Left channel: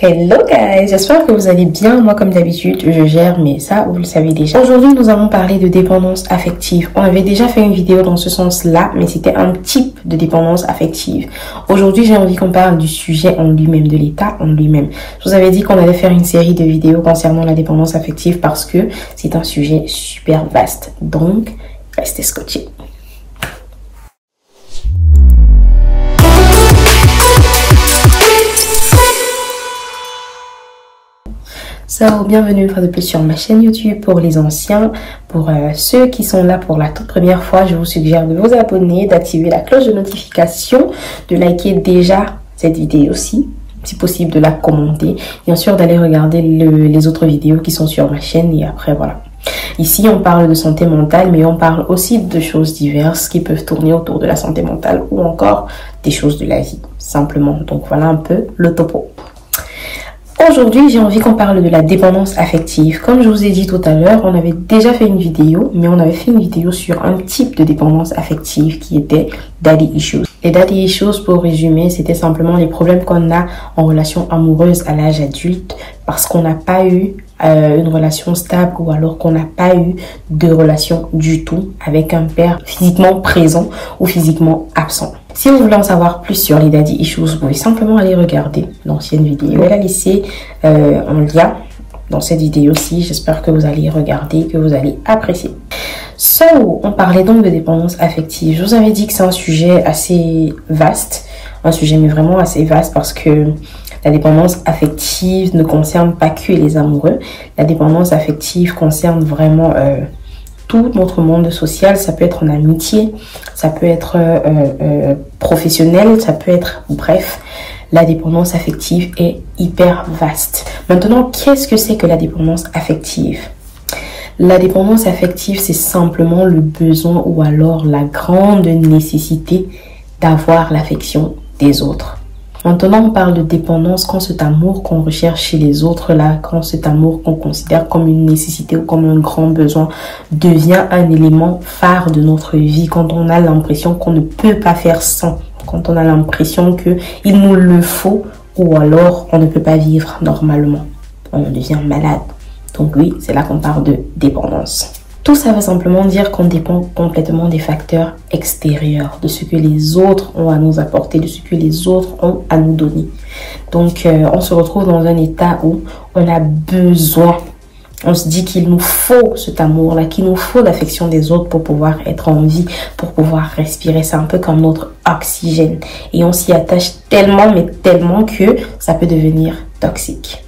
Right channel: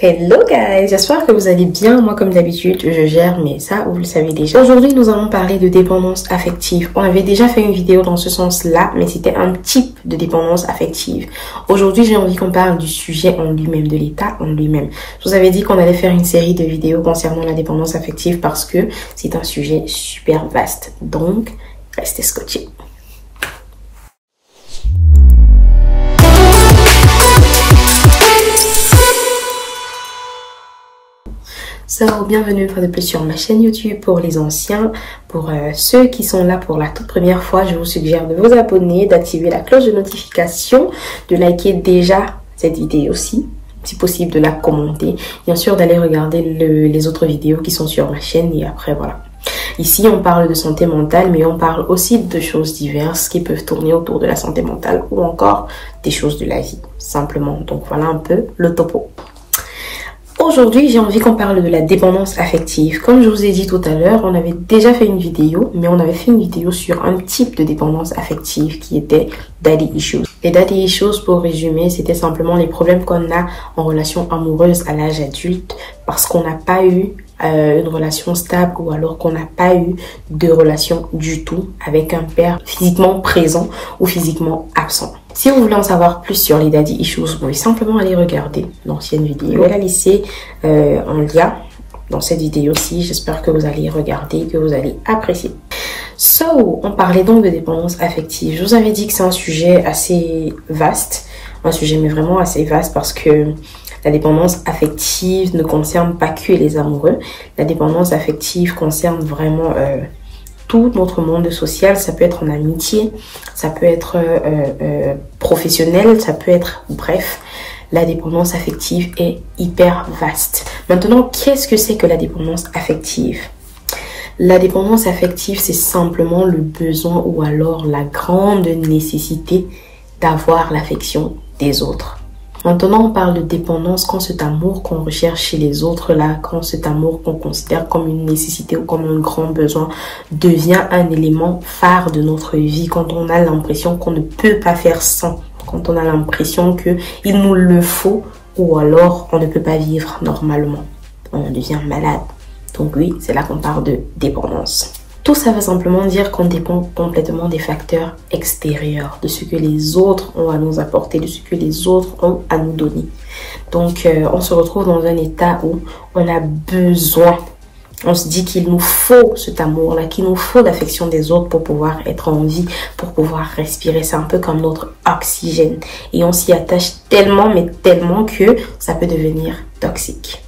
Hello guys, j'espère que vous allez bien. Moi comme d'habitude je gère, mais ça vous le savez déjà. Aujourd'hui nous allons parler de dépendance affective. On avait déjà fait une vidéo dans ce sens là, mais c'était un type de dépendance affective. Aujourd'hui j'ai envie qu'on parle du sujet en lui-même, de l'état en lui-même. Je vous avais dit qu'on allait faire une série de vidéos concernant la dépendance affective parce que c'est un sujet super vaste. Donc restez scotchés. Bienvenue une fois de plus sur ma chaîne YouTube. Pour les anciens, pour ceux qui sont là pour la toute première fois, je vous suggère de vous abonner, d'activer la cloche de notification, de liker déjà cette vidéo aussi, si possible de la commenter, bien sûr d'aller regarder les autres vidéos qui sont sur ma chaîne et après voilà. Ici on parle de santé mentale, mais on parle aussi de choses diverses qui peuvent tourner autour de la santé mentale ou encore des choses de la vie simplement. Donc voilà un peu le topo. Aujourd'hui, j'ai envie qu'on parle de la dépendance affective. Comme je vous ai dit tout à l'heure, on avait déjà fait une vidéo, mais on avait fait une vidéo sur un type de dépendance affective qui était daddy issues. Les daddy issues, pour résumer, c'était simplement les problèmes qu'on a en relation amoureuse à l'âge adulte parce qu'on n'a pas eu une relation stable ou alors qu'on n'a pas eu de relation du tout avec un père physiquement présent ou physiquement absent. Si vous voulez en savoir plus sur les daddy issues, vous pouvez simplement aller regarder l'ancienne vidéo. Je vais la laisser en lien dans cette vidéo-ci. J'espère que vous allez regarder, que vous allez apprécier. On parlait donc de dépendance affective. Je vous avais dit que c'est un sujet assez vaste. Un sujet mais vraiment assez vaste parce que la dépendance affective ne concerne pas que les amoureux. La dépendance affective concerne vraiment tout notre monde social. Ça peut être en amitié, ça peut être professionnel, ça peut être bref. La dépendance affective est hyper vaste. Maintenant, qu'est-ce que c'est que la dépendance affective? La dépendance affective, c'est simplement le besoin ou alors la grande nécessité d'avoir l'affection des autres. Maintenant, on parle de dépendance quand cet amour qu'on recherche chez les autres, là, quand cet amour qu'on considère comme une nécessité ou comme un grand besoin devient un élément phare de notre vie, quand on a l'impression qu'on ne peut pas faire sans, quand on a l'impression qu'il nous le faut ou alors on ne peut pas vivre normalement, on devient malade. Donc oui, c'est là qu'on parle de dépendance. Tout ça veut simplement dire qu'on dépend complètement des facteurs extérieurs, de ce que les autres ont à nous apporter, de ce que les autres ont à nous donner. Donc, on se retrouve dans un état où on a besoin. On se dit qu'il nous faut cet amour-là, qu'il nous faut l'affection des autres pour pouvoir être en vie, pour pouvoir respirer. C'est un peu comme notre oxygène. Et on s'y attache tellement, mais tellement que ça peut devenir toxique.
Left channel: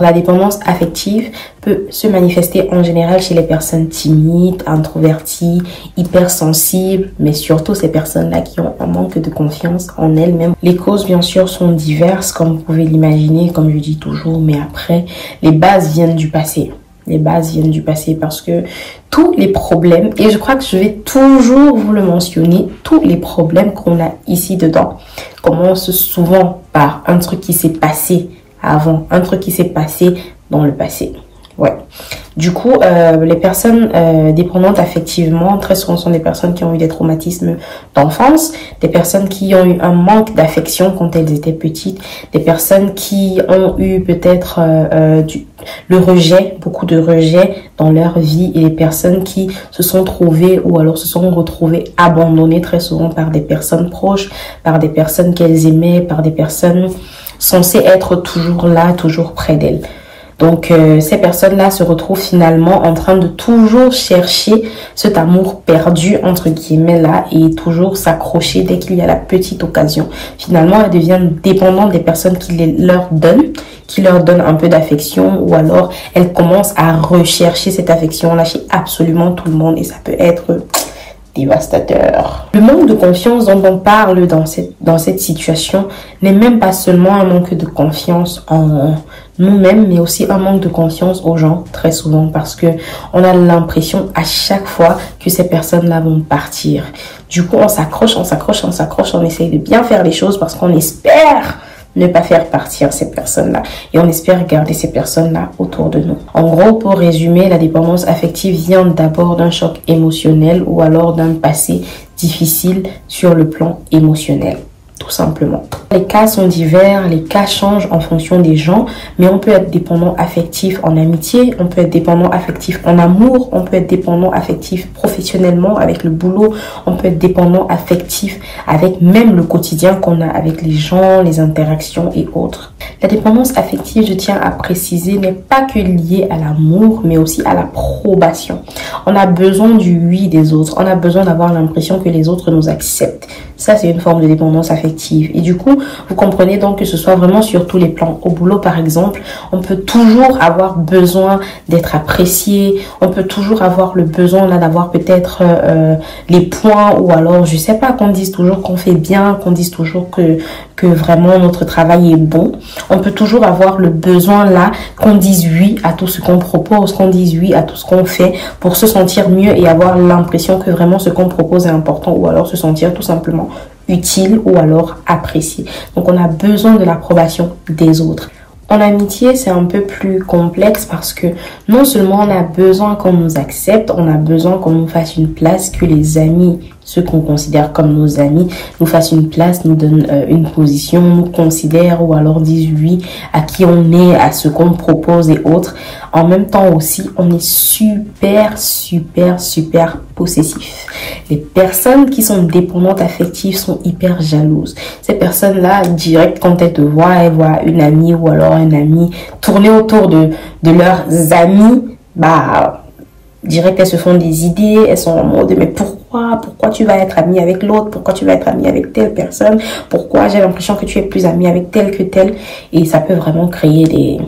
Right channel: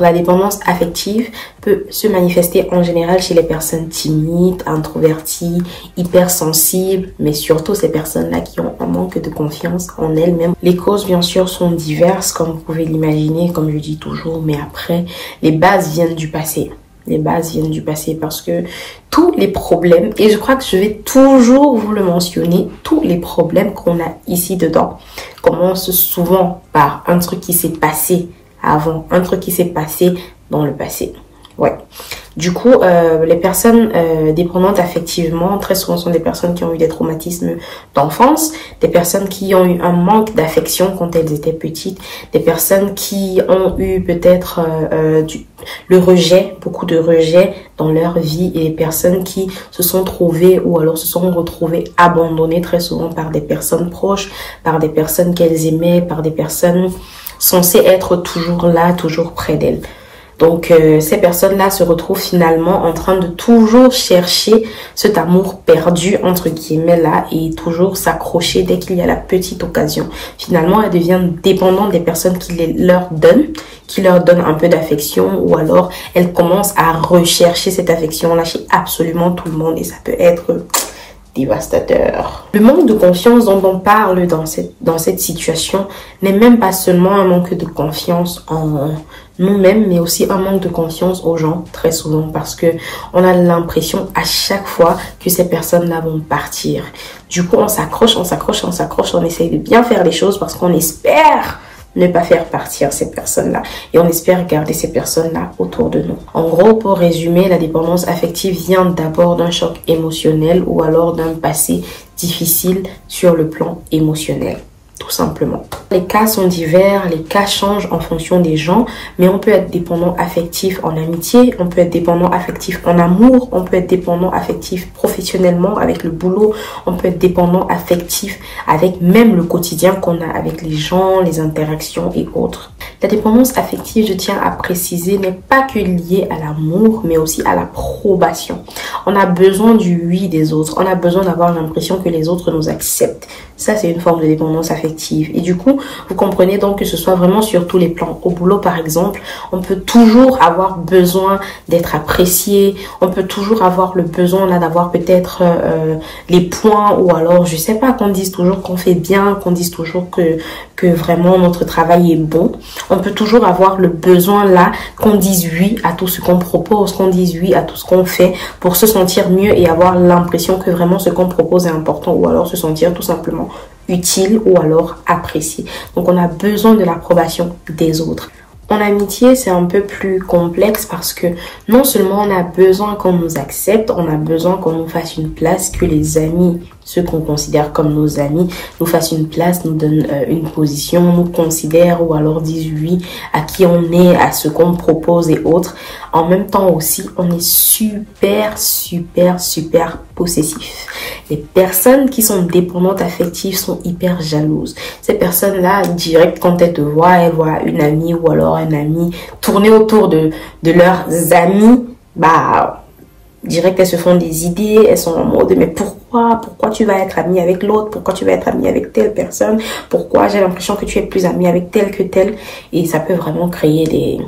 La dépendance affective peut se manifester en général chez les personnes timides, introverties, hypersensibles, mais surtout ces personnes-là qui ont un manque de confiance en elles-mêmes. Les causes, bien sûr, sont diverses, comme vous pouvez l'imaginer, comme je dis toujours, mais après, les bases viennent du passé. Les bases viennent du passé parce que tous les problèmes, et je crois que je vais toujours vous le mentionner, tous les problèmes qu'on a ici dedans commencent souvent par un truc qui s'est passé avant, un truc qui s'est passé dans le passé. Ouais. Du coup, les personnes dépendantes affectivement, très souvent sont des personnes qui ont eu des traumatismes d'enfance, des personnes qui ont eu un manque d'affection quand elles étaient petites, des personnes qui ont eu peut-être le rejet, beaucoup de rejet dans leur vie, et les personnes qui se sont trouvées ou alors se sont retrouvées abandonnées très souvent par des personnes proches, par des personnes qu'elles aimaient, par des personnes censées être toujours là, toujours près d'elles. Donc, ces personnes-là se retrouvent finalement en train de toujours chercher cet amour perdu, entre guillemets, là, et toujours s'accrocher dès qu'il y a la petite occasion. Finalement, elles deviennent dépendantes des personnes qui leur donnent un peu d'affection, ou alors elles commencent à rechercher cette affection-là chez absolument tout le monde, et ça peut être dévastateur. Le manque de confiance dont on parle dans cette situation n'est même pas seulement un manque de confiance en nous-mêmes, mais aussi un manque de confiance aux gens, très souvent, parce que on a l'impression à chaque fois que ces personnes-là vont partir. Du coup, on s'accroche, on essaye de bien faire les choses parce qu'on espère ne pas faire partir ces personnes-là. Et on espère garder ces personnes-là autour de nous. En gros, pour résumer, la dépendance affective vient d'abord d'un choc émotionnel ou alors d'un passé difficile sur le plan émotionnel. tout simplement. Les cas sont divers, les cas changent en fonction des gens, mais on peut être dépendant affectif en amitié, on peut être dépendant affectif en amour, on peut être dépendant affectif professionnellement avec le boulot, on peut être dépendant affectif avec même le quotidien qu'on a avec les gens, les interactions et autres. La dépendance affective, je tiens à préciser, n'est pas que liée à l'amour, mais aussi à l'approbation. On a besoin du oui des autres, on a besoin d'avoir l'impression que les autres nous acceptent. Ça, c'est une forme de dépendance affective. Et du coup, vous comprenez donc que ce soit vraiment sur tous les plans. Au boulot, par exemple, on peut toujours avoir besoin d'être apprécié. On peut toujours avoir le besoin là d'avoir peut-être les points, ou alors, je sais pas, qu'on dise toujours qu'on fait bien, qu'on dise toujours que vraiment notre travail est bon. On peut toujours avoir le besoin là qu'on dise oui à tout ce qu'on propose, qu'on dise oui à tout ce qu'on fait pour se sentir mieux et avoir l'impression que vraiment ce qu'on propose est important, ou alors se sentir tout simplement utile ou alors apprécié. Donc on a besoin de l'approbation des autres. En amitié, c'est un peu plus complexe parce que non seulement on a besoin qu'on nous accepte, on a besoin qu'on nous fasse une place, que les amis, ceux qu'on considère comme nos amis, nous fassent une place, nous donnent une position, nous considèrent ou alors disent oui à qui on est, à ce qu'on propose et autres. En même temps aussi, on est super possessif. Les personnes qui sont dépendantes affectives sont hyper jalouses. Ces personnes-là, direct quand elles te voient, elles voient une amie ou alors un ami tourner autour de leurs amis, direct elles se font des idées, elles sont en mode mais pourquoi tu vas être amie avec l'autre, pourquoi tu vas être amie avec telle personne, pourquoi j'ai l'impression que tu es plus amie avec telle que telle, et ça peut vraiment créer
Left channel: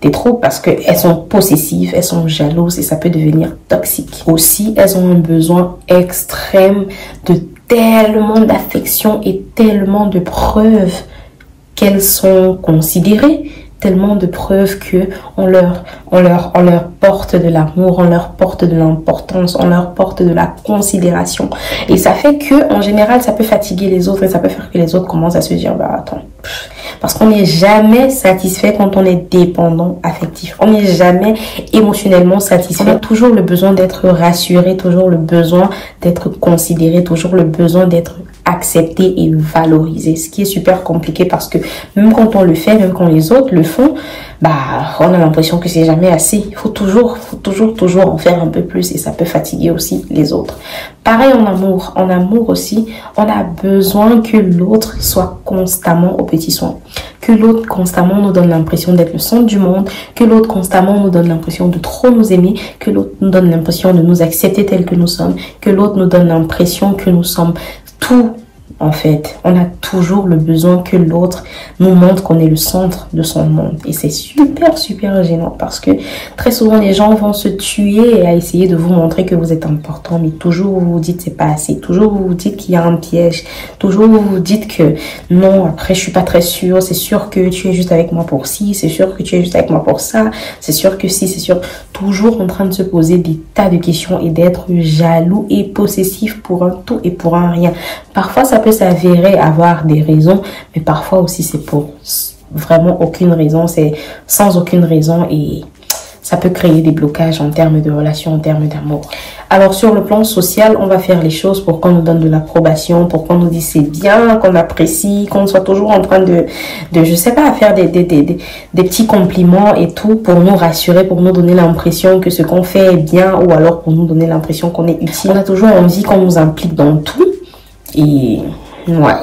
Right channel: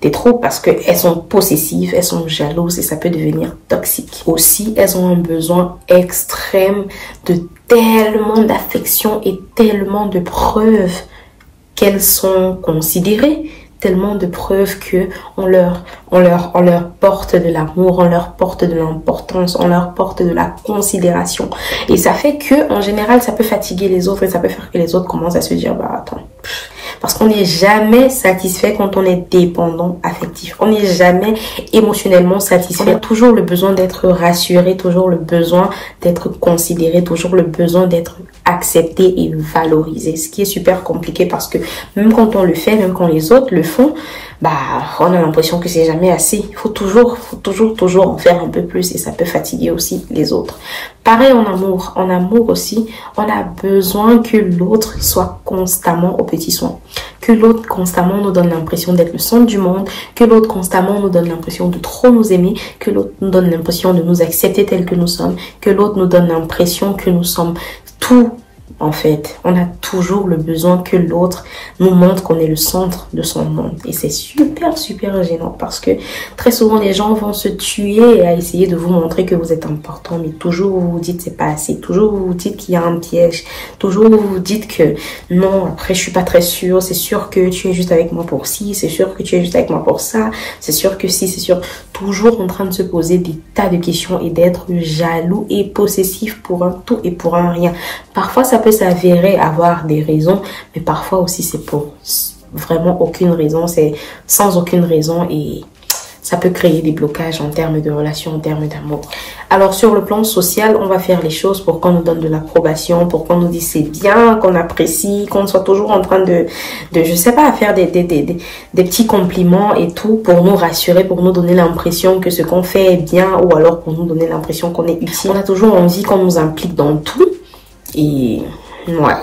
des troubles parce que elles sont possessives, elles sont jalouses et ça peut devenir toxique. Aussi, elles ont un besoin extrême de tellement d'affection et tellement de preuves qu'elles sont considérées, tellement de preuves que on leur porte de l'amour, on leur porte de l'importance, on leur porte de la considération. Et ça fait que, en général, ça peut fatiguer les autres et ça peut faire que les autres commencent à se dire, attends. Parce qu'on n'est jamais satisfait quand on est dépendant affectif. On n'est jamais émotionnellement satisfait. On a toujours le besoin d'être rassuré, toujours le besoin d'être considéré, toujours le besoin d'être accepté et valorisé. Ce qui est super compliqué parce que même quand on le fait, même quand les autres le font, on a l'impression que c'est jamais assez. Il faut toujours en faire un peu plus et ça peut fatiguer aussi les autres. Pareil en amour. En amour aussi, on a besoin que l'autre soit constamment au petit soin. Que l'autre constamment nous donne l'impression d'être le centre du monde. Que l'autre constamment nous donne l'impression de trop nous aimer. Que l'autre nous donne l'impression de nous accepter tel que nous sommes. Que l'autre nous donne l'impression que nous sommes tout. En fait, on a toujours le besoin que l'autre nous montre qu'on est le centre de son monde. Et c'est super gênant parce que très souvent, les gens vont se tuer à essayer de vous montrer que vous êtes important. Mais toujours, vous vous dites c'est pas assez. Toujours, vous vous dites qu'il y a un piège. Toujours, vous vous dites que non, après, je suis pas très sûre. C'est sûr que tu es juste avec moi pour ci. C'est sûr que tu es juste avec moi pour ça. C'est sûr que si, c'est sûr. Toujours en train de se poser des tas de questions et d'être jaloux et possessif pour un tout et pour un rien. Parfois, ça peut s'avérer avoir des raisons, mais parfois aussi c'est pour vraiment aucune raison, c'est sans aucune raison et ça peut créer des blocages en termes de relations, en termes d'amour. Alors sur le plan social, on va faire les choses pour qu'on nous donne de l'approbation, pour qu'on nous dise c'est bien, qu'on apprécie, qu'on soit toujours en train de je sais pas, faire des petits compliments et tout pour nous rassurer, pour nous donner l'impression que ce qu'on fait est bien ou alors pour nous donner l'impression qu'on est utile. On a toujours envie qu'on nous implique dans tout et ouais.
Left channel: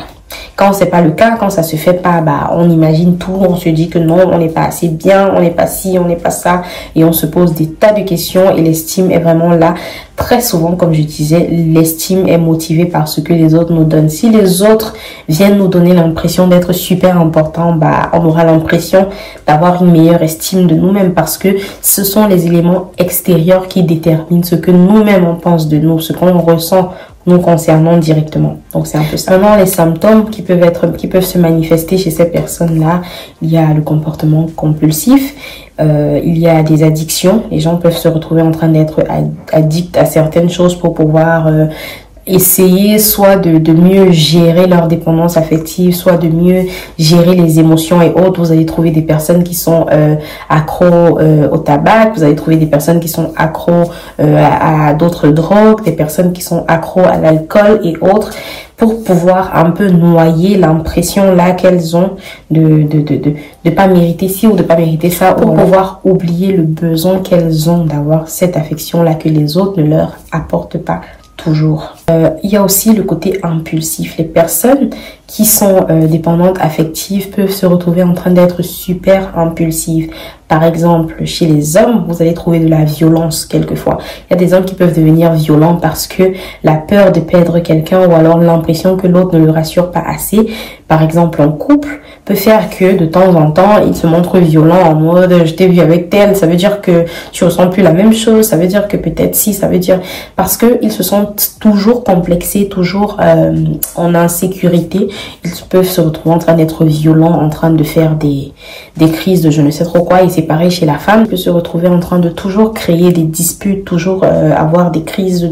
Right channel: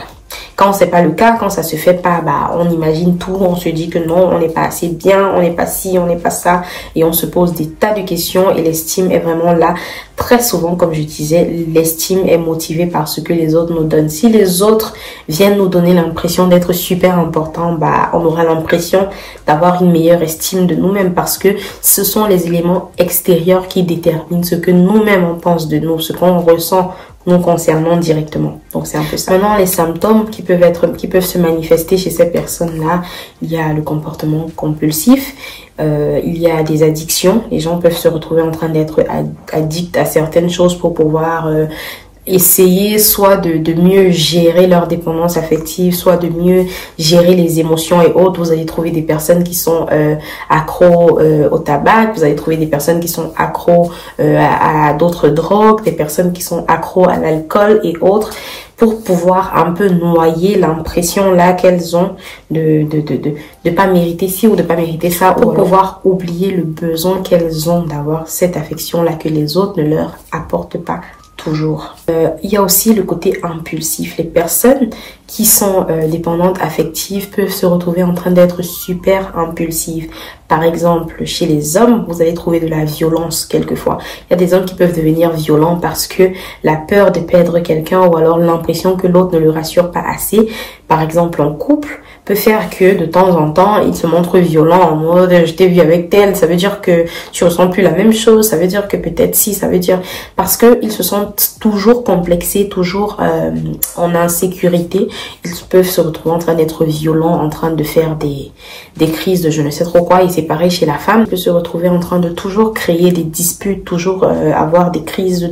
Quand c'est pas le cas, quand ça se fait pas, on imagine tout, on se dit que non, on n'est pas assez bien, on n'est pas ci, on n'est pas ça, et on se pose des tas de questions et l'estime est vraiment là. Très souvent, comme je disais, l'estime est motivée par ce que les autres nous donnent. Si les autres viennent nous donner l'impression d'être super importants, on aura l'impression d'avoir une meilleure estime de nous-mêmes parce que ce sont les éléments extérieurs qui déterminent ce que nous-mêmes on pense de nous, ce qu'on ressent nous concernant directement. Donc c'est un peu ça. Maintenant, les symptômes qui peuvent se manifester chez ces personnes-là, il y a le comportement compulsif, il y a des addictions. Les gens peuvent se retrouver en train d'être addicts à certaines choses pour pouvoir essayer soit de mieux gérer leur dépendance affective, soit de mieux gérer les émotions et autres. Vous allez trouver des personnes qui sont accros au tabac, vous allez trouver des personnes qui sont accros à d'autres drogues, des personnes qui sont accros à l'alcool et autres. pour pouvoir un peu noyer l'impression là qu'elles ont de pas mériter ci ou de pas mériter ça, pour pouvoir oublier le besoin qu'elles ont d'avoir cette affection là que les autres ne leur apportent pas toujours. Il y a aussi le côté impulsif. Les personnes qui sont dépendantes affectives peuvent se retrouver en train d'être super impulsives. Par exemple, chez les hommes, vous allez trouver de la violence quelquefois. Il y a des hommes qui peuvent devenir violents parce que la peur de perdre quelqu'un ou alors l'impression que l'autre ne le rassure pas assez, par exemple en couple, peut faire que de temps en temps, il se montre violent en mode « je t'ai vu avec tel », ça veut dire que tu ressens plus la même chose, ça veut dire que peut-être si, ça veut dire... Parce qu'ils se sentent toujours complexés, toujours en insécurité. Ils peuvent se retrouver en train d'être violents, en train de faire des crises de je ne sais trop quoi. Et c'est pareil chez la femme, peut se retrouver en train de toujours créer des disputes, toujours avoir des crises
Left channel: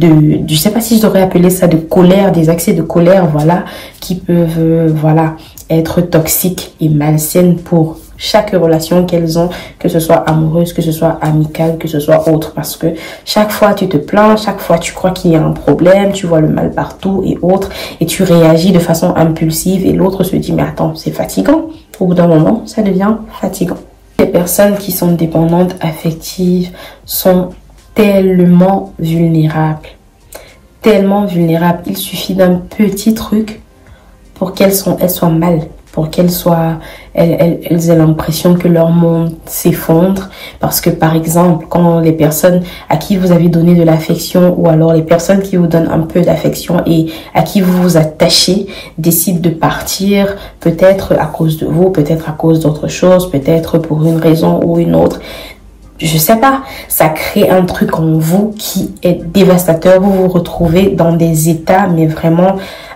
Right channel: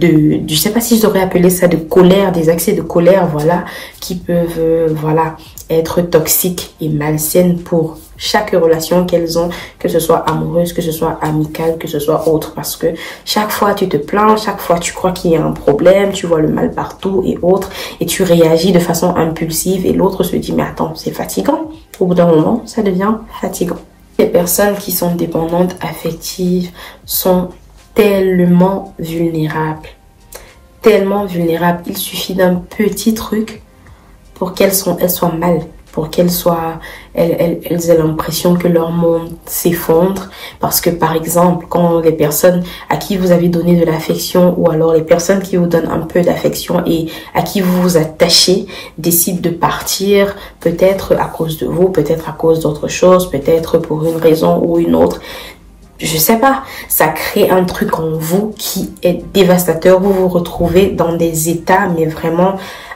je sais pas si je devrais appeler ça de colère, des accès de colère, voilà, qui peuvent, voilà, être toxiques et malsaines pour chaque relation qu'elles ont, que ce soit amoureuse, que ce soit amicale, que ce soit autre, parce que chaque fois tu te plains, chaque fois tu crois qu'il y a un problème, tu vois le mal partout et autres, et tu réagis de façon impulsive et l'autre se dit mais attends, c'est fatigant. Au bout d'un moment, ça devient fatigant. Les personnes qui sont dépendantes affectives sont tellement vulnérables. Tellement vulnérables. Il suffit d'un petit truc pour qu'elles soient mal. Pour qu'elles aient l'impression que leur monde s'effondre. Parce que par exemple, quand les personnes à qui vous avez donné de l'affection ou alors les personnes qui vous donnent un peu d'affection et à qui vous vous attachez décident de partir, peut-être à cause de vous, peut-être à cause d'autre chose, peut-être pour une raison ou une autre, je sais pas, ça crée un truc en vous qui est dévastateur. Vous vous retrouvez dans des états mais vraiment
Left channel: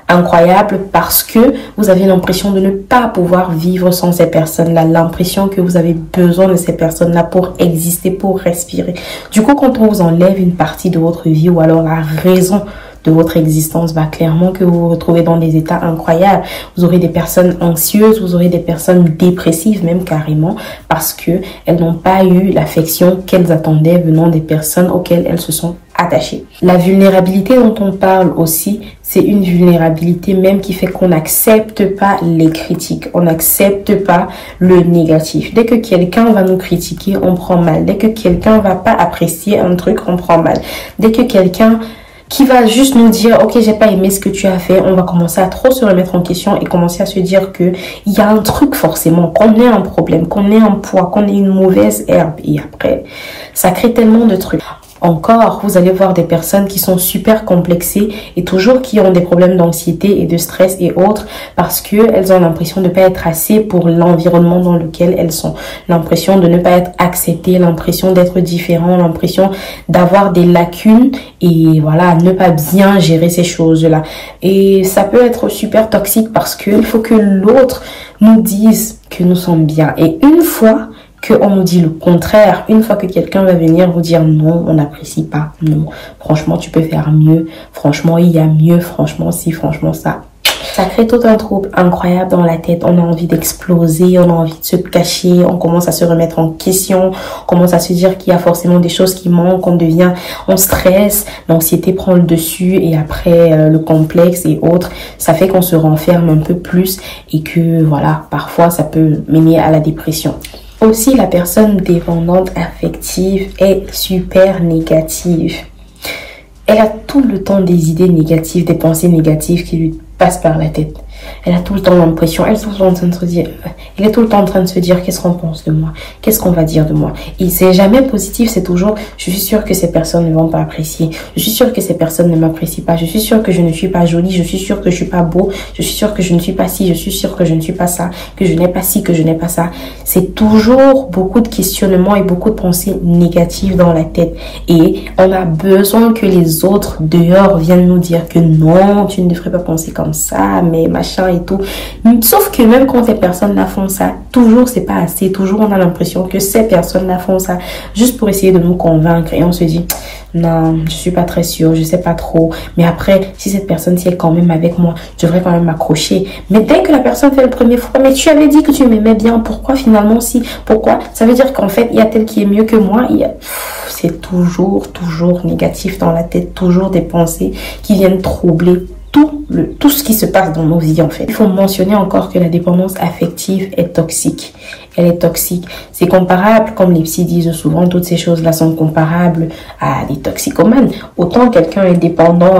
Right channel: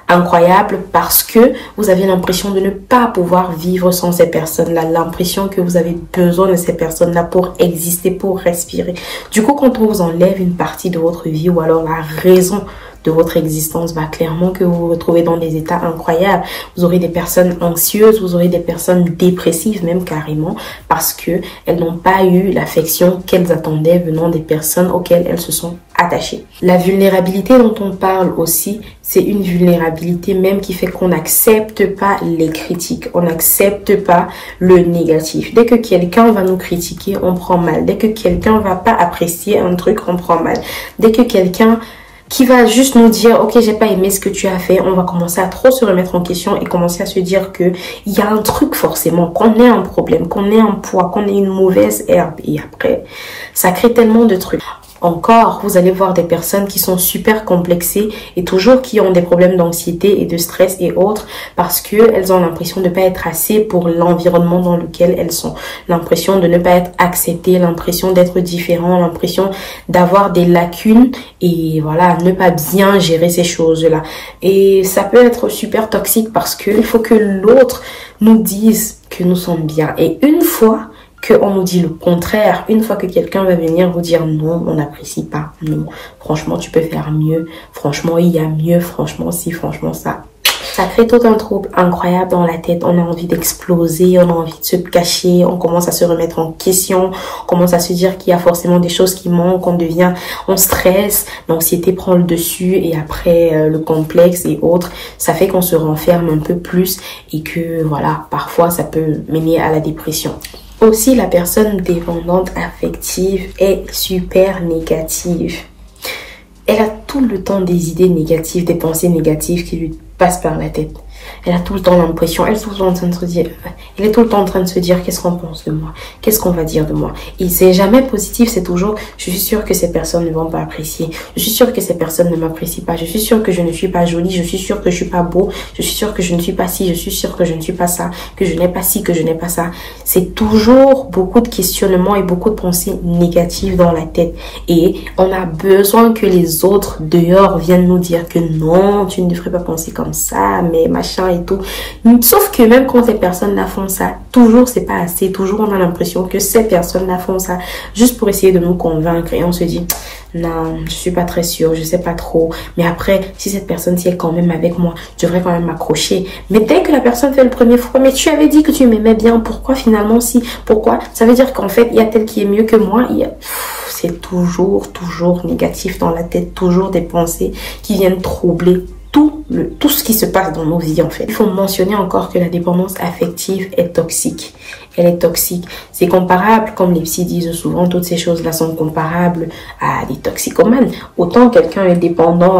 incroyable parce que vous avez l'impression de ne pas pouvoir vivre sans ces personnes-là, l'impression que vous avez besoin de ces personnes-là pour exister, pour respirer. Du coup, quand on vous enlève une partie de votre vie ou alors la raison de votre existence, va clairement que vous vous retrouvez dans des états incroyables. Vous aurez des personnes anxieuses, vous aurez des personnes dépressives même carrément parce que elles n'ont pas eu l'affection qu'elles attendaient venant des personnes auxquelles elles se sont attachées. La vulnérabilité dont on parle aussi, c'est une vulnérabilité même qui fait qu'on n'accepte pas les critiques, on n'accepte pas le négatif. Dès que quelqu'un va nous critiquer, on prend mal. Dès que quelqu'un va pas apprécier un truc, on prend mal. Dès que quelqu'un qui va juste nous dire ok, j'ai pas aimé ce que tu as fait, on va commencer à trop se remettre en question et commencer à se dire que il y a un truc forcément, qu'on ait un problème, qu'on ait un poids, qu'on ait une mauvaise herbe. Et après, ça crée tellement de trucs. Encore, vous allez voir des personnes qui sont super complexées et toujours qui ont des problèmes d'anxiété et de stress et autres parce que elles ont l'impression de ne pas être assez pour l'environnement dans lequel elles sont. L'impression de ne pas être acceptées, l'impression d'être différent, l'impression d'avoir des lacunes et voilà, ne pas bien gérer ces choses-là. Et ça peut être super toxique parce que il faut que l'autre nous dise que nous sommes bien. Et une fois qu'on nous dit le contraire, une fois que quelqu'un va venir vous dire non, on n'apprécie pas, non, franchement tu peux faire mieux, franchement il y a mieux, franchement si, franchement ça. Ça crée tout un trouble incroyable dans la tête, on a envie d'exploser, on a envie de se cacher, on commence à se remettre en question, on commence à se dire qu'il y a forcément des choses qui manquent, on stresse, l'anxiété prend le dessus et après le complexe et autres, ça fait qu'on se renferme un peu plus et que voilà, parfois ça peut mener à la dépression. Aussi, la personne dépendante affective est super négative. Elle a tout le temps des idées négatives, des pensées négatives qui lui passent par la tête. Elle a tout le temps l'impression, elle est tout le temps en train de se dire, qu'est-ce qu'on pense de moi, qu'est-ce qu'on va dire de moi. Et c'est jamais positif, c'est toujours, je suis sûre que ces personnes ne vont pas apprécier, je suis sûre que ces personnes ne m'apprécient pas, je suis sûre que je ne suis pas jolie, je suis sûre que je suis pas beau, je suis sûre que je ne suis pas ci, je suis sûre que je ne suis pas ça, que je n'ai pas ci, que je n'ai pas ça. C'est toujours beaucoup de questionnements et beaucoup de pensées négatives dans la tête. Et on a besoin que les autres dehors viennent nous dire que non, tu ne devrais pas penser comme ça, mais machin et tout. Sauf que même quand ces personnes-là font ça, toujours c'est pas assez. Toujours on a l'impression que ces personnes-là font ça juste pour essayer de nous convaincre. Et on se dit, non, je suis pas très sûre, je sais pas trop. Mais après, si cette personne-ci est quand même avec moi, je devrais quand même m'accrocher. Mais dès que la personne fait le premier fois, mais tu avais dit que tu m'aimais bien, pourquoi finalement si? Pourquoi? Ça veut dire qu'en fait, il y a tel qui est mieux que moi. C'est toujours négatif dans la tête, toujours des pensées qui viennent troubler tout ce qui se passe dans nos vies en fait. Il faut mentionner encore que la dépendance affective est toxique. Elle est toxique. C'est comparable, comme les psys disent souvent, toutes ces choses-là sont comparables à des toxicomanes. Autant quelqu'un est dépendant,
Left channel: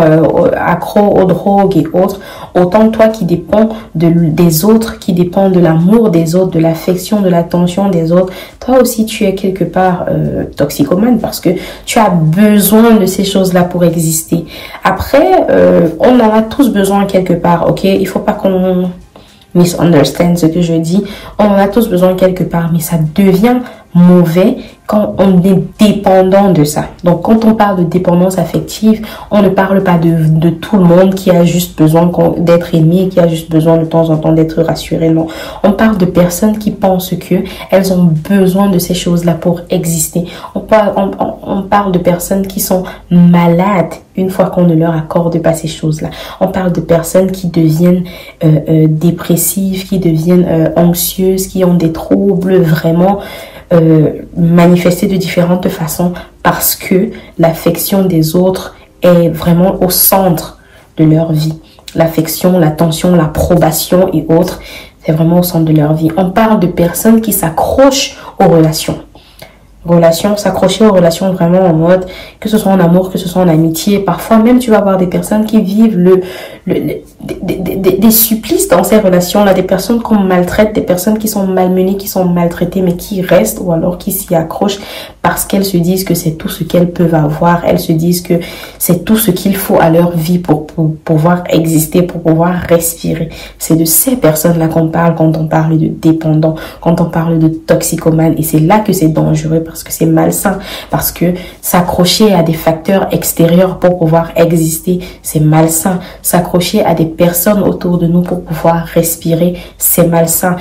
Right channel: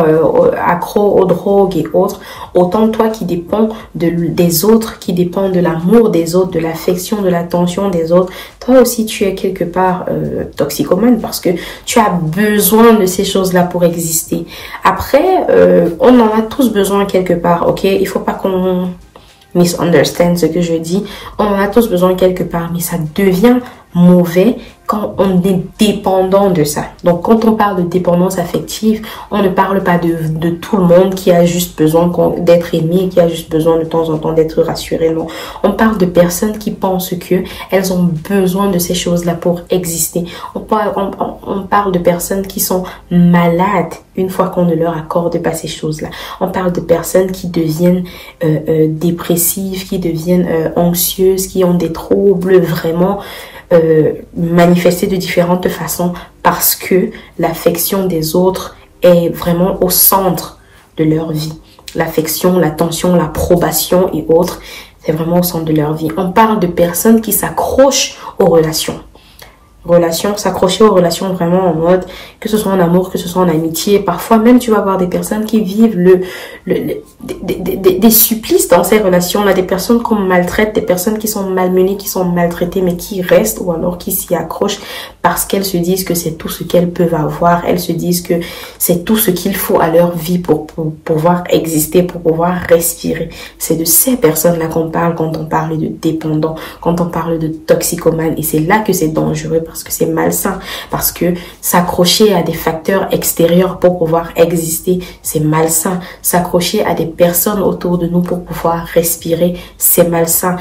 accro aux drogues et autres, autant toi qui dépends des autres, qui dépend de l'amour des autres, de l'affection, de l'attention des autres, toi aussi tu es quelque part toxicomane parce que tu as besoin de ces choses-là pour exister. Après, on en a tous besoin quelque part, ok? Il faut pas qu'on misunderstand ce que je dis. On en a tous besoin quelque part, mais ça devient mauvais quand on est dépendant de ça. Donc, quand on parle de dépendance affective, on ne parle pas de tout le monde qui a juste besoin d'être aimé, qui a juste besoin de temps en temps d'être rassuré. Non, on parle de personnes qui pensent que elles ont besoin de ces choses-là pour exister. On parle de personnes qui sont malades une fois qu'on ne leur accorde pas ces choses-là. On parle de personnes qui deviennent dépressives, qui deviennent anxieuses, qui ont des troubles vraiment manifestés de différentes façons parce que l'affection des autres est vraiment au centre de leur vie. L'affection, l'attention, l'approbation et autres, c'est vraiment au centre de leur vie. On parle de personnes qui s'accrochent aux relations. S'accrocher aux relations vraiment en mode, que ce soit en amour, que ce soit en amitié. Parfois même, tu vas avoir des personnes qui vivent des supplices dans ces relations-là, des personnes qu'on maltraite, des personnes qui sont malmenées, qui sont maltraitées, mais qui restent ou alors qui s'y accrochent parce qu'elles se disent que c'est tout ce qu'elles peuvent avoir. Elles se disent que c'est tout ce qu'il faut à leur vie pour pouvoir exister, pour pouvoir respirer. C'est de ces personnes-là qu'on parle quand on parle de dépendants, quand on parle de toxicomanes. Et c'est là que c'est dangereux parce que c'est malsain, parce que s'accrocher à des facteurs extérieurs pour pouvoir exister, c'est malsain. S'accrocher à des personnes autour de nous pour pouvoir respirer, c'est malsain.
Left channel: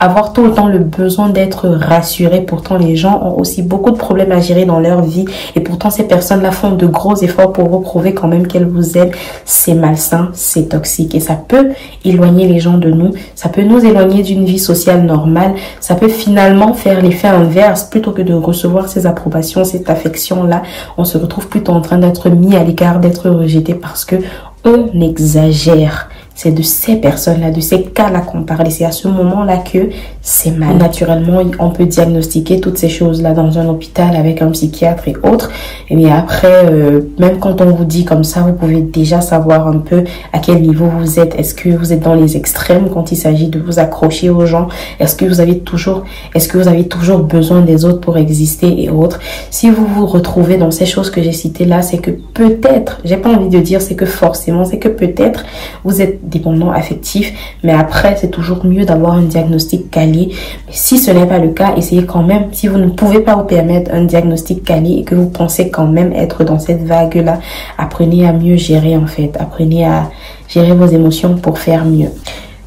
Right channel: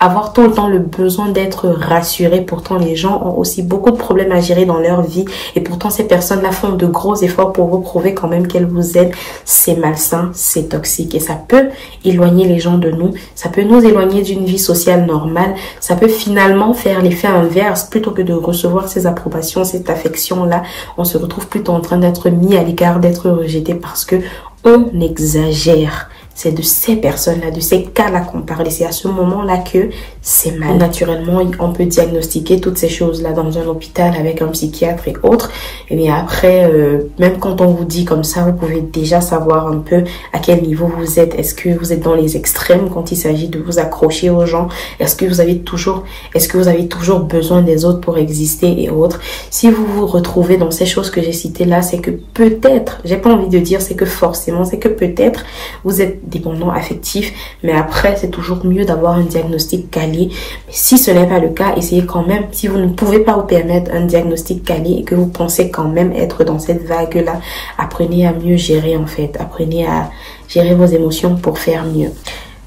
Avoir tout le temps le besoin d'être rassuré, pourtant les gens ont aussi beaucoup de problèmes à gérer dans leur vie et pourtant ces personnes-là font de gros efforts pour vous prouver quand même qu'elles vous aident, c'est malsain, c'est toxique et ça peut éloigner les gens de nous, ça peut nous éloigner d'une vie sociale normale, ça peut finalement faire l'effet inverse. Plutôt que de recevoir ces approbations, cette affection-là, on se retrouve plutôt en train d'être mis à l'écart, d'être rejeté parce que on exagère. C'est de ces personnes-là, de ces cas-là qu'on parle. Et c'est à ce moment-là que c'est mal. Naturellement, on peut diagnostiquer toutes ces choses-là dans un hôpital avec un psychiatre et autres. Mais après, même quand on vous dit comme ça, vous pouvez déjà savoir un peu à quel niveau vous êtes. Est-ce que vous êtes dans les extrêmes quand il s'agit de vous accrocher aux gens? Est-ce que vous avez toujours besoin des autres pour exister et autres? Si vous vous retrouvez dans ces choses que j'ai citées là, c'est que peut-être, j'ai pas envie de dire c'est que forcément, c'est que peut-être vous êtes dépendant affectif, mais après c'est toujours mieux d'avoir un diagnostic quali. Mais si ce n'est pas le cas, essayez quand même, si vous ne pouvez pas vous permettre un diagnostic quali et que vous pensez quand même être dans cette vague là, apprenez à mieux gérer en fait, apprenez à gérer vos émotions pour faire mieux.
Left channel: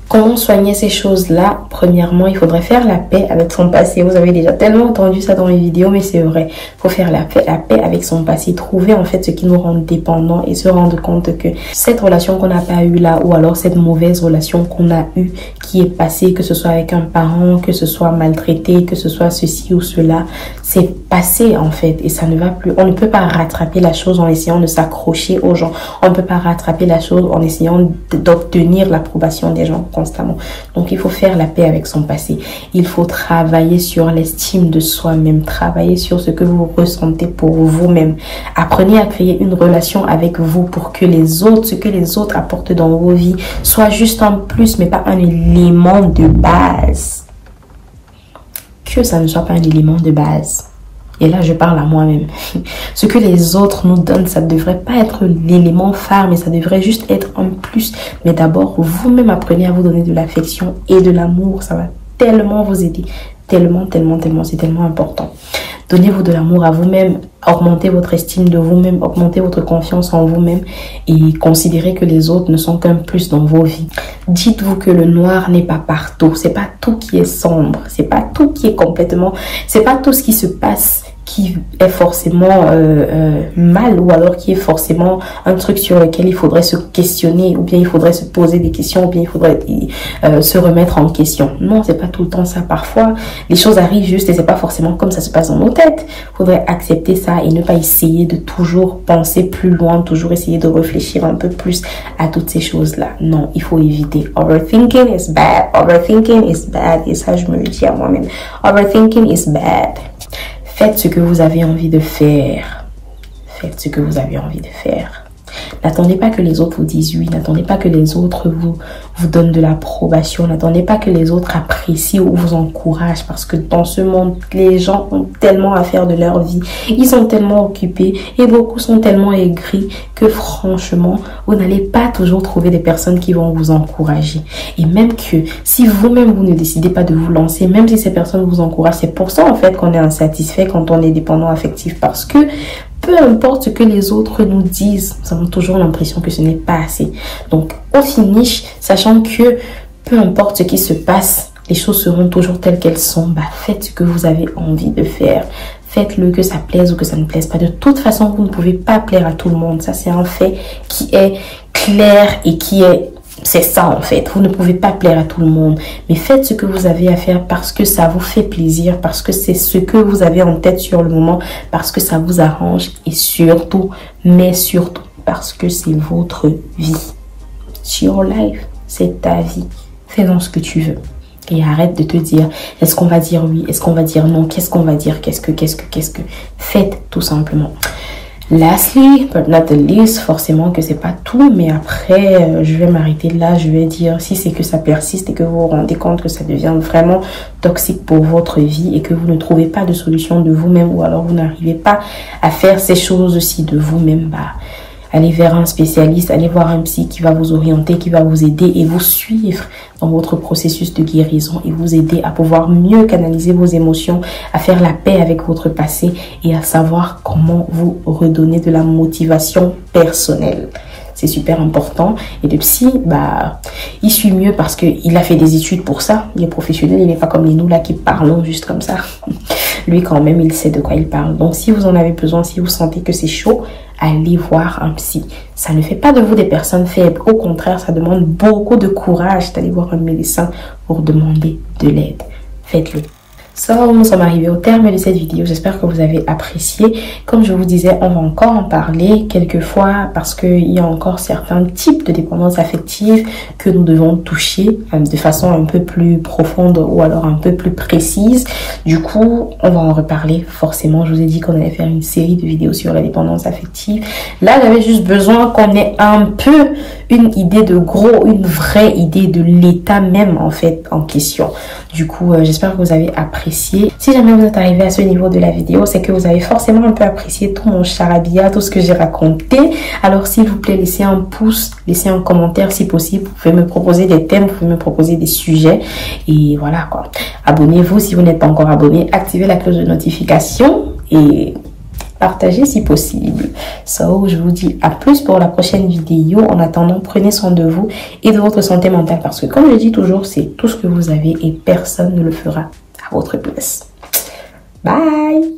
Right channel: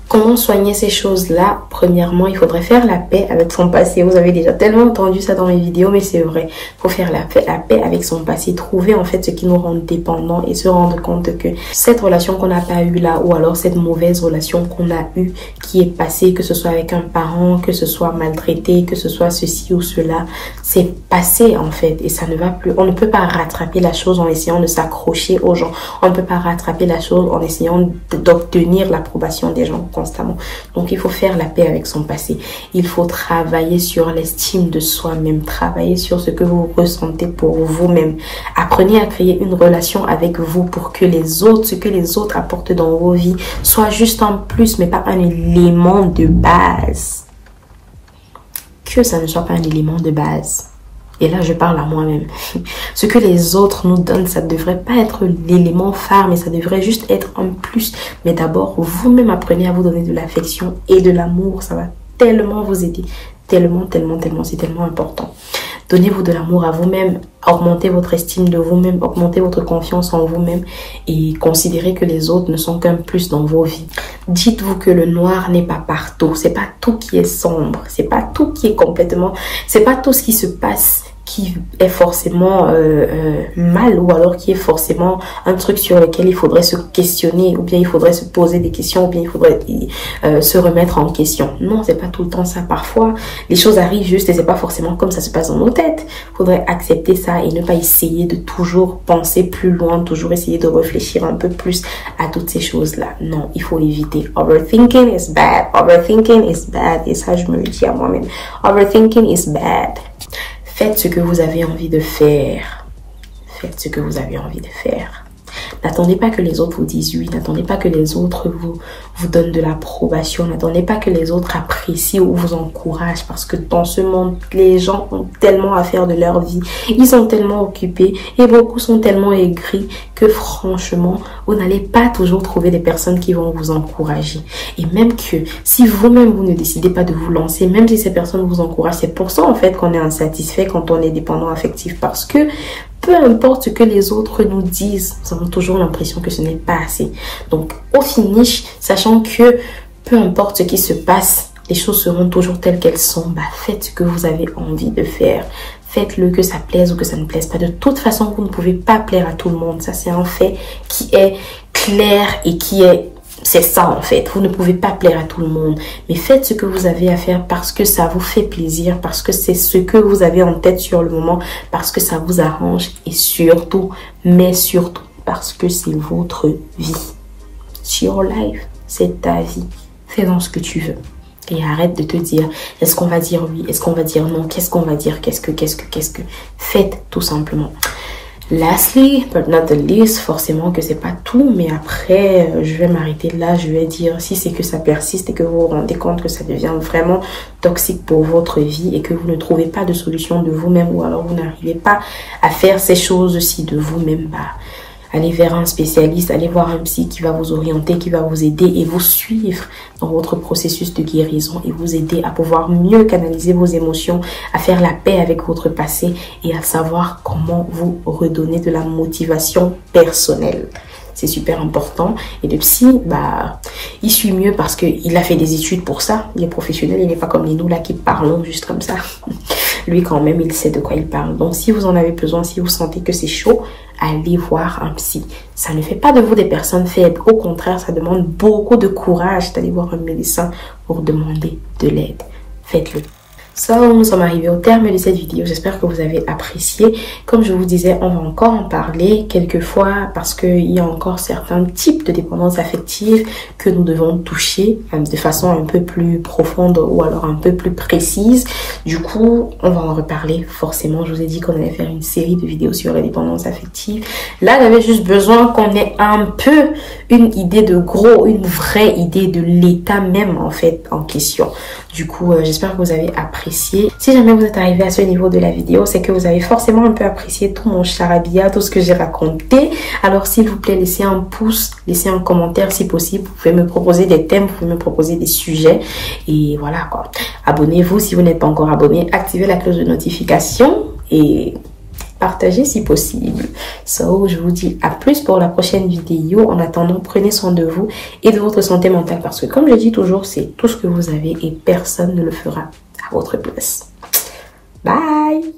Comment soigner ces choses-là? Premièrement, il faudrait faire la paix avec son passé. Vous avez déjà tellement entendu ça dans mes vidéos, mais c'est vrai. Il faut faire la paix avec son passé. Trouver en fait ce qui nous rend dépendants et se rendre compte que cette relation qu'on n'a pas eue là, ou alors cette mauvaise relation qu'on a eue, qui est passée, que ce soit avec un parent, que ce soit maltraité, que ce soit ceci ou cela, c'est passé en fait et ça ne va plus. On ne peut pas rattraper la chose en essayant de s'accrocher aux gens. On ne peut pas rattraper la chose en essayant d'obtenir l'approbation des gens constamment. Donc il faut faire la paix avec son passé. Il faut travailler sur l'estime de soi-même, travailler sur ce que vous ressentez pour vous-même. Apprenez à créer une relation avec vous pour que ce que les autres apportent dans vos vies soit juste un plus mais pas un élément de base. Que ça ne soit pas un élément de base. Et là, je parle à moi-même. Ce que les autres nous donnent, ça ne devrait pas être l'élément phare, mais ça devrait juste être un plus. Mais d'abord, vous-même apprenez à vous donner de l'affection et de l'amour. Ça va tellement vous aider. Tellement, c'est tellement important. Donnez-vous de l'amour à vous-même, augmentez votre estime de vous-même, augmentez votre confiance en vous-même et considérez que les autres ne sont qu'un plus dans vos vies. Dites-vous que le noir n'est pas partout, c'est pas tout qui est sombre, c'est pas tout qui est complètement, c'est pas tout ce qui se passe qui est forcément mal, ou alors qui est forcément un truc sur lequel il faudrait se questionner, ou bien il faudrait se poser des questions, ou bien il faudrait se remettre en question. Non, c'est pas tout le temps ça. Parfois, les choses arrivent juste et c'est pas forcément comme ça se passe dans nos têtes. Il faudrait accepter ça et ne pas essayer de toujours penser plus loin, toujours essayer de réfléchir un peu plus à toutes ces choses-là. Non, il faut éviter. Overthinking is bad. Overthinking is bad. Et ça, je me le dis à moi-même. Overthinking is bad. Faites ce que vous avez envie de faire. Faites ce que vous avez envie de faire. N'attendez pas que les autres vous disent oui. N'attendez pas que les autres vous donnent de l'approbation. N'attendez pas que les autres apprécient ou vous encouragent. Parce que dans ce monde, les gens ont tellement à faire de leur vie. Ils sont tellement occupés et beaucoup sont tellement aigris que franchement, vous n'allez pas toujours trouver des personnes qui vont vous encourager. Et même que si vous-même, vous ne décidez pas de vous lancer, même si ces personnes vous encouragent, c'est pour ça en fait qu'on est insatisfait quand on est dépendant affectif. Parce que peu importe ce que les autres nous disent, nous avons toujours l'impression que ce n'est pas assez. Donc, au finish, sachant que peu importe ce qui se passe, les choses seront toujours telles qu'elles sont. Bah, faites ce que vous avez envie de faire. Faites-le, que ça plaise ou que ça ne plaise pas. De toute façon, vous ne pouvez pas plaire à tout le monde. Ça, c'est un fait qui est clair et qui est... C'est ça en fait, vous ne pouvez pas plaire à tout le monde, mais faites ce que vous avez à faire parce que ça vous fait plaisir, parce que c'est ce que vous avez en tête sur le moment, parce que ça vous arrange et surtout, mais surtout, parce que c'est votre vie. It's your life, c'est ta vie. Fais-en ce que tu veux et arrête de te dire est-ce qu'on va dire oui, est-ce qu'on va dire non, qu'est-ce qu'on va dire, qu'est-ce que. Faites tout simplement. Lastly, but not the least, forcément que c'est pas tout, mais après, je vais m'arrêter là, je vais dire si c'est que ça persiste et que vous vous rendez compte que ça devient vraiment toxique pour votre vie et que vous ne trouvez pas de solution de vous-même ou alors vous n'arrivez pas à faire ces choses-ci de vous-même, bah, allez vers un spécialiste, allez voir un psy qui va vous orienter, qui va vous aider et vous suivre dans votre processus de guérison et vous aider à pouvoir mieux canaliser vos émotions, à faire la paix avec votre passé et à savoir comment vous redonner de la motivation personnelle. C'est super important. Et le psy, bah, il suit mieux parce qu'il a fait des études pour ça. Il est professionnel, il n'est pas comme les nous là qui parlons juste comme ça. Lui quand même, il sait de quoi il parle. Donc si vous en avez besoin, si vous sentez que c'est chaud, allez voir un psy. Ça ne fait pas de vous des personnes faibles. Au contraire, ça demande beaucoup de courage d'aller voir un médecin pour demander de l'aide. Faites-le. So, nous sommes arrivés au terme de cette vidéo. J'espère que vous avez apprécié. Comme je vous disais, on va encore en parler quelquefois parce qu'il y a encore certains types de dépendance affective que nous devons toucher de façon un peu plus profonde ou alors un peu plus précise. Du coup, on va en reparler forcément. Je vous ai dit qu'on allait faire une série de vidéos sur la dépendance affective. Là, j'avais juste besoin qu'on ait un peu une idée de gros, une vraie idée de l'état même en fait en question. Du coup, j'espère que vous avez apprécié. Si jamais vous êtes arrivé à ce niveau de la vidéo, c'est que vous avez forcément un peu apprécié tout mon charabia, tout ce que j'ai raconté. Alors, s'il vous plaît, laissez un pouce, laissez un commentaire si possible. Vous pouvez me proposer des thèmes, vous pouvez me proposer des sujets. Et voilà quoi. Abonnez-vous si vous n'êtes pas encore abonné. Activez la cloche de notification et partagez si possible. So, je vous dis à plus pour la prochaine vidéo. En attendant, prenez soin de vous et de votre santé mentale parce que comme je dis toujours, c'est tout ce que vous avez et personne ne le fera à votre place. Bye!